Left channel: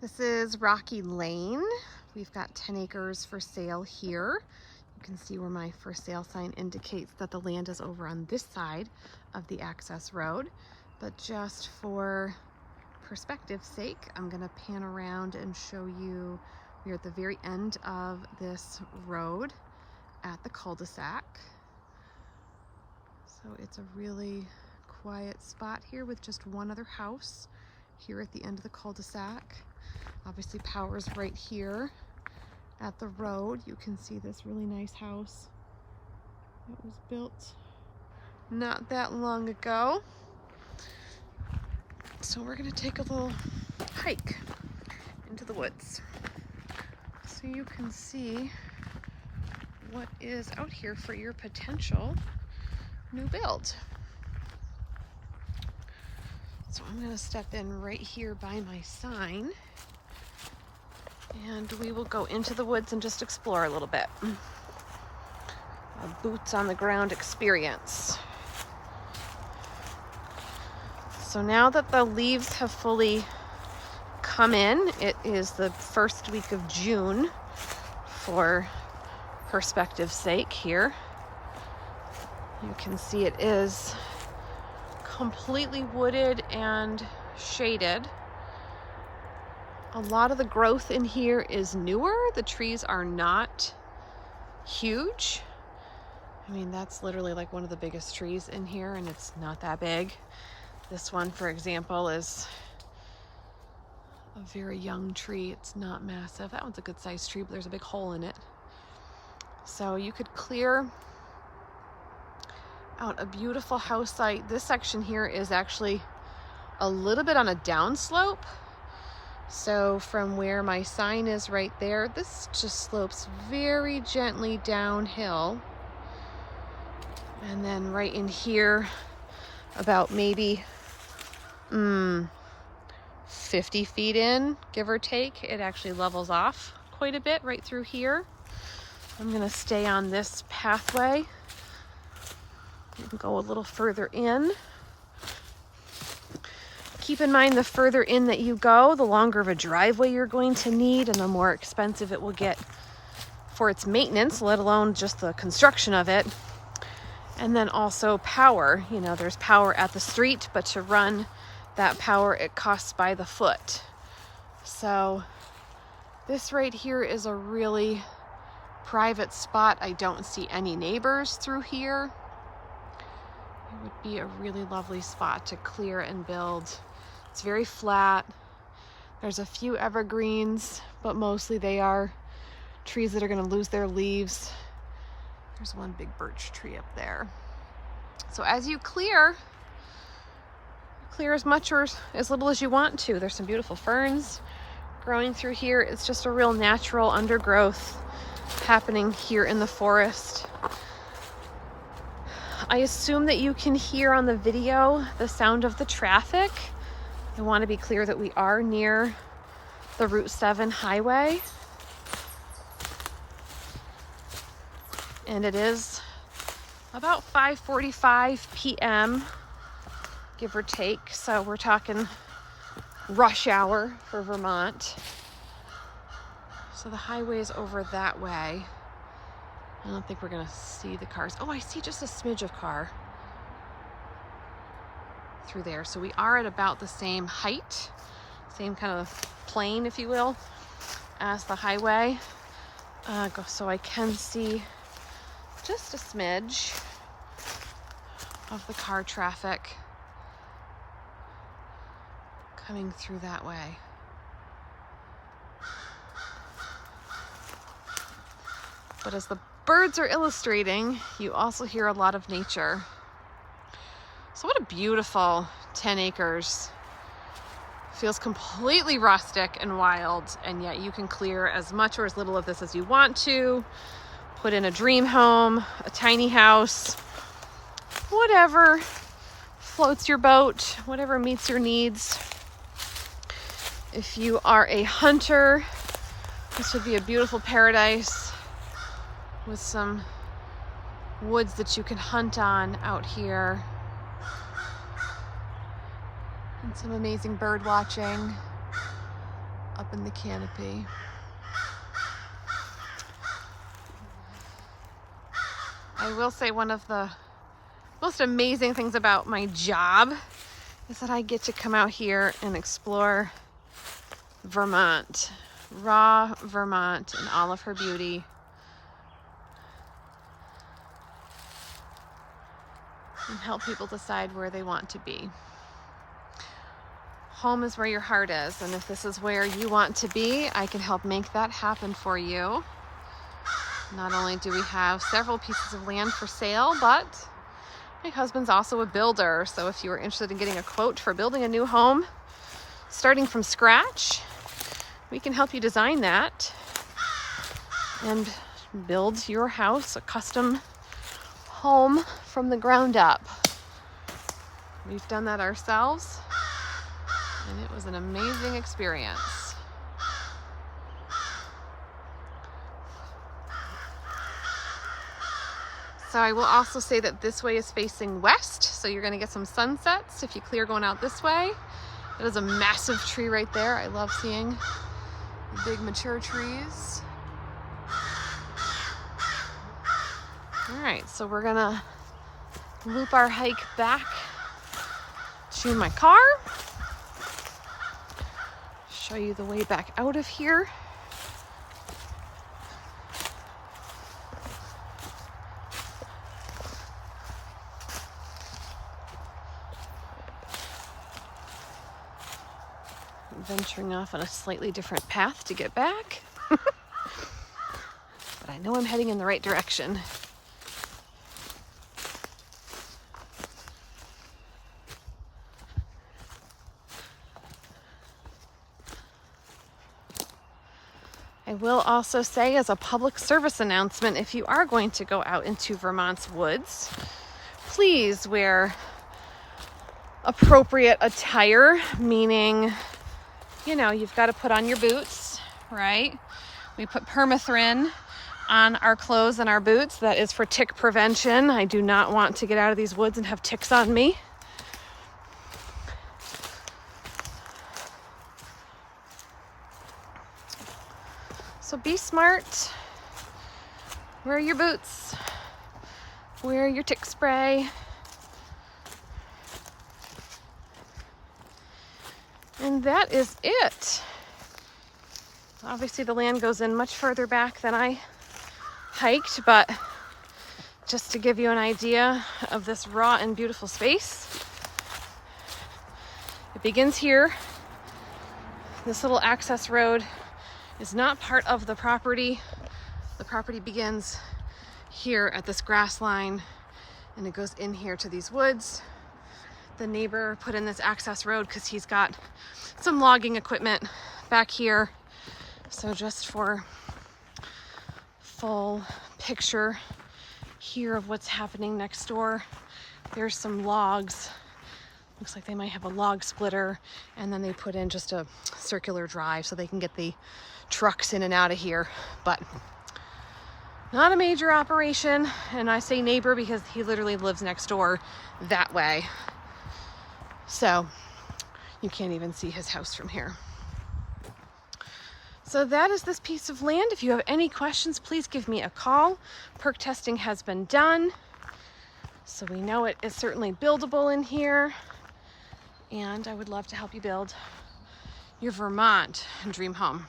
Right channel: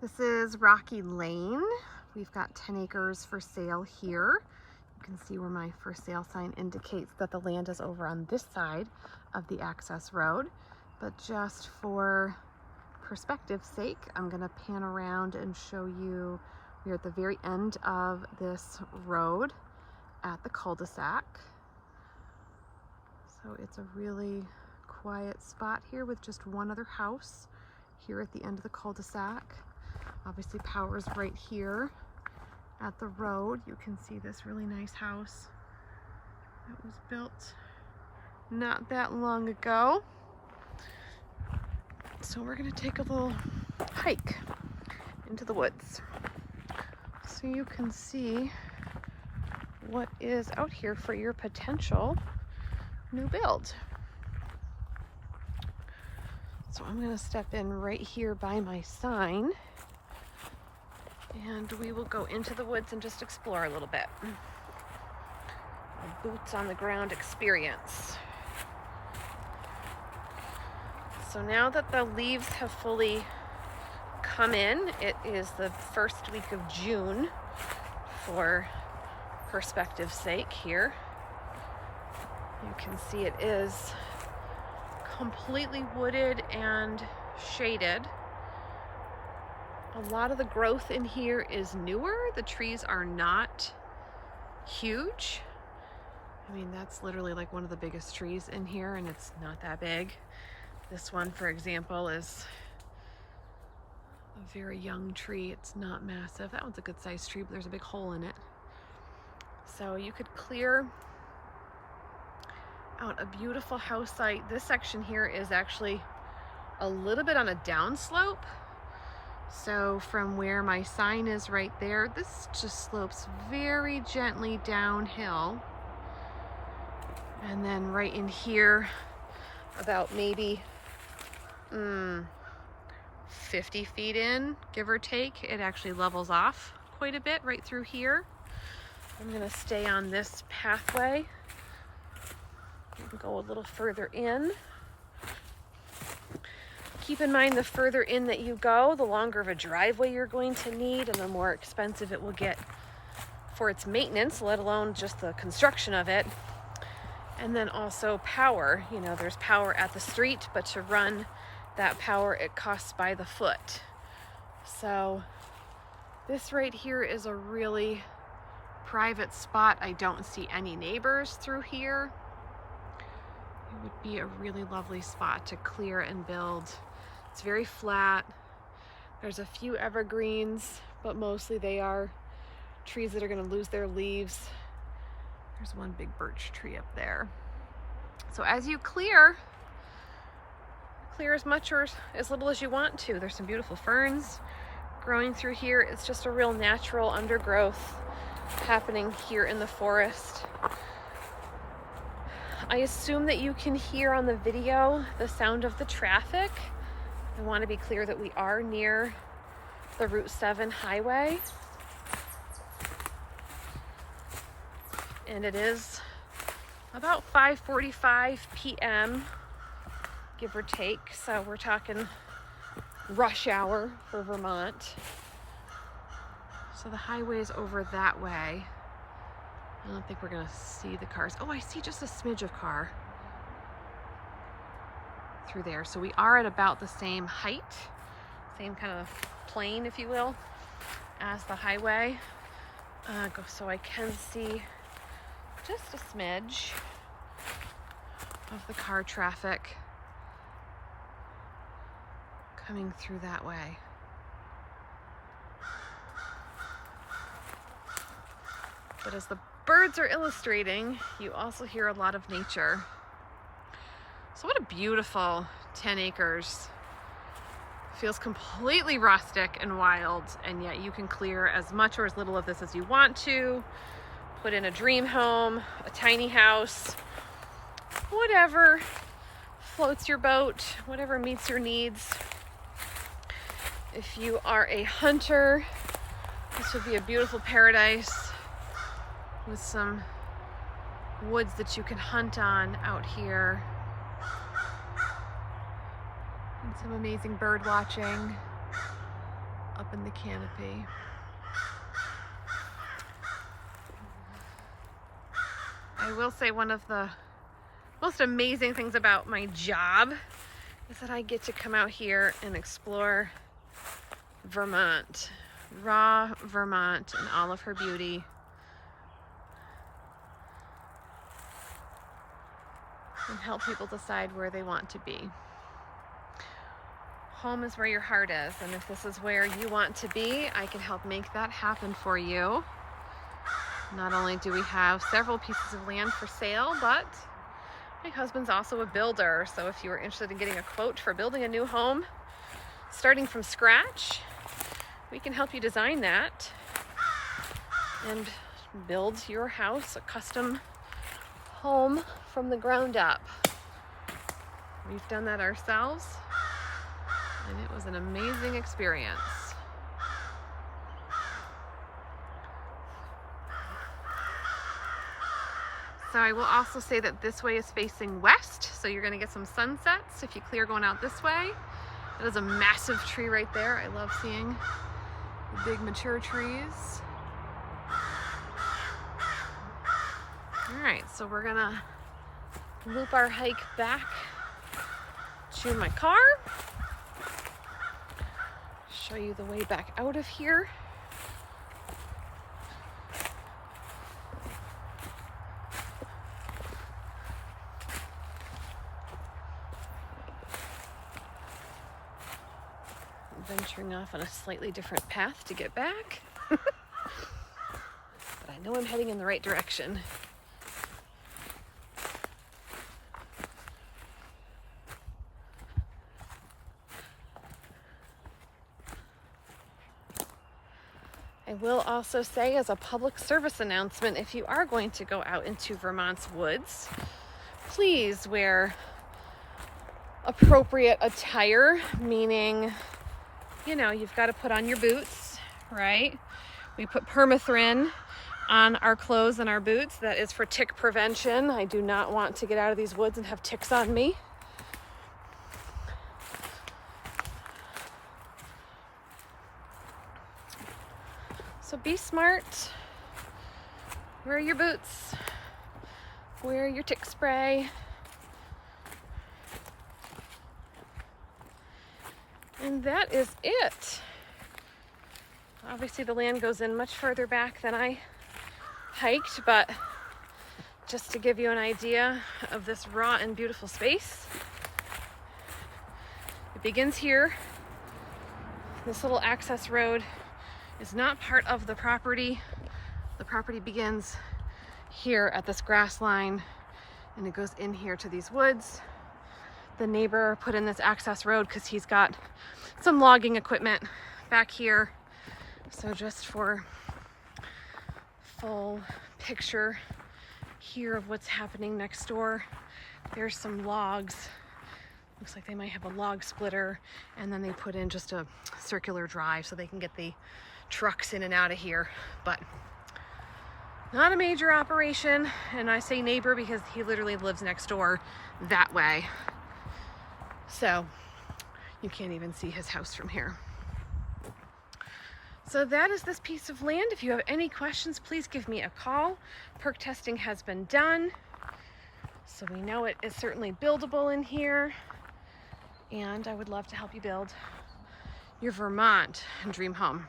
This is Rocky Lane. We've got 10 acres for sale here. You can see where my for sale sign indicates that the land is over on this side of the access road. But just for perspective's sake, I'm gonna pan around and show you we're at the very end of this road at the cul-de-sac. So it's a really quiet spot here with just one other house here at the end of the cul-de-sac. Obviously power is right here at the road. You can see this really nice house that was built not that long ago. So we're gonna take a little hike into the woods so you can see what is out here for your potential new build. So I'm gonna step in right here by my sign and we will go into the woods and just explore a little bit. A boots on the ground experience. So now that the leaves have fully come in, it is the first week of June for perspective's sake here. You can see it is completely wooded and shaded. A lot of the growth in here is newer. The trees are not huge. I mean, that's literally like one of the biggest trees in here and it's not that big. This one, for example, is a very young tree. It's not massive. That one's a good sized tree, but there's a big hole in it. So you could clear out a beautiful house site. This section here is actually a little bit on a downslope. So from where my sign is right there, this just slopes very gently downhill. And then right in here, about maybe 50 feet in, give or take, it actually levels off quite a bit right through here. I'm gonna stay on this pathway and go a little further in. Keep in mind, the further in that you go, the longer of a driveway you're going to need and the more expensive it will get for its maintenance, let alone just the construction of it. And then also power. You know, there's power at the street, but to run that power, it costs by the foot. So this right here is a really private spot. I don't see any neighbors through here. It would be a really lovely spot to clear and build. It's very flat. There's a few evergreens, but mostly they are trees that are going to lose their leaves. There's one big birch tree up there. So as you clear as much or as little as you want to. There's some beautiful ferns growing through here. It's just a real natural undergrowth happening here in the forest. I assume that you can hear on the video the sound of the traffic. I want to be clear that we are near the Route 7 highway. And it is about 5:45 p.m., give or take. So we're talking rush hour for Vermont. So the highway is over that way. I don't think we're gonna see the cars. Oh, I see just a smidge of car through there. So we are at about the same height, same kind of plane, if you will, as the highway. So I can see just a smidge of the car traffic coming through that way. But as the birds are illustrating, you also hear a lot of nature. So what a beautiful 10 acres. Feels completely rustic and wild, and yet you can clear as much or as little of this as you want to. Put in a dream home, a tiny house, whatever floats your boat, whatever meets your needs. If you are a hunter, this would be a beautiful paradise with some woods that you can hunt on out here. And some amazing bird watching. up in the canopy. I will say one of the most amazing things about my job is that I get to come out here and explore Vermont, raw Vermont in all of her beauty. And help people decide where they want to be. Home is where your heart is, and if this is where you want to be, I can help make that happen for you. Not only do we have several pieces of land for sale, but my husband's also a builder, so if you are interested in getting a quote for building a new home, starting from scratch, we can help you design that and build your house, a custom home from the ground up. We've done that ourselves, and it was an amazing experience. So I will also say that this way is facing west, so you're going to get some sunsets if you clear going out this way. That is a massive tree right there. I love seeing the big mature trees. All right, so we're gonna loop our hike back to my car. Show you the way back out of here. Venturing off on a slightly different path to get back. But I know I'm heading in the right direction. I will also say, as a public service announcement, if you are going to go out into Vermont's woods, please wear appropriate attire, meaning, you know, you've got to put on your boots, right? We put permethrin on our clothes and our boots. That is for tick prevention. I do not want to get out of these woods and have ticks on me. So be smart, wear your boots, wear your tick spray. And that is it. Obviously the land goes in much further back than I hiked, but just to give you an idea of this raw and beautiful space, it begins here. This little access road is not part of the property. The property begins here at this grass line and it goes in here to these woods. The neighbor put in this access road because he's got some logging equipment back here. So just for full picture here of what's happening next door, there's some logs. Looks like they might have a log splitter, and then they put in just a circular drive so they can get the trucks in and out of here. But not a major operation, and I say neighbor because he literally lives next door that way. So you can't even see his house from here. So that is this piece of land. If you have any questions, please give me a call. Perk testing has been done, so we know it is certainly buildable in here. And I would love to help you build your Vermont dream home.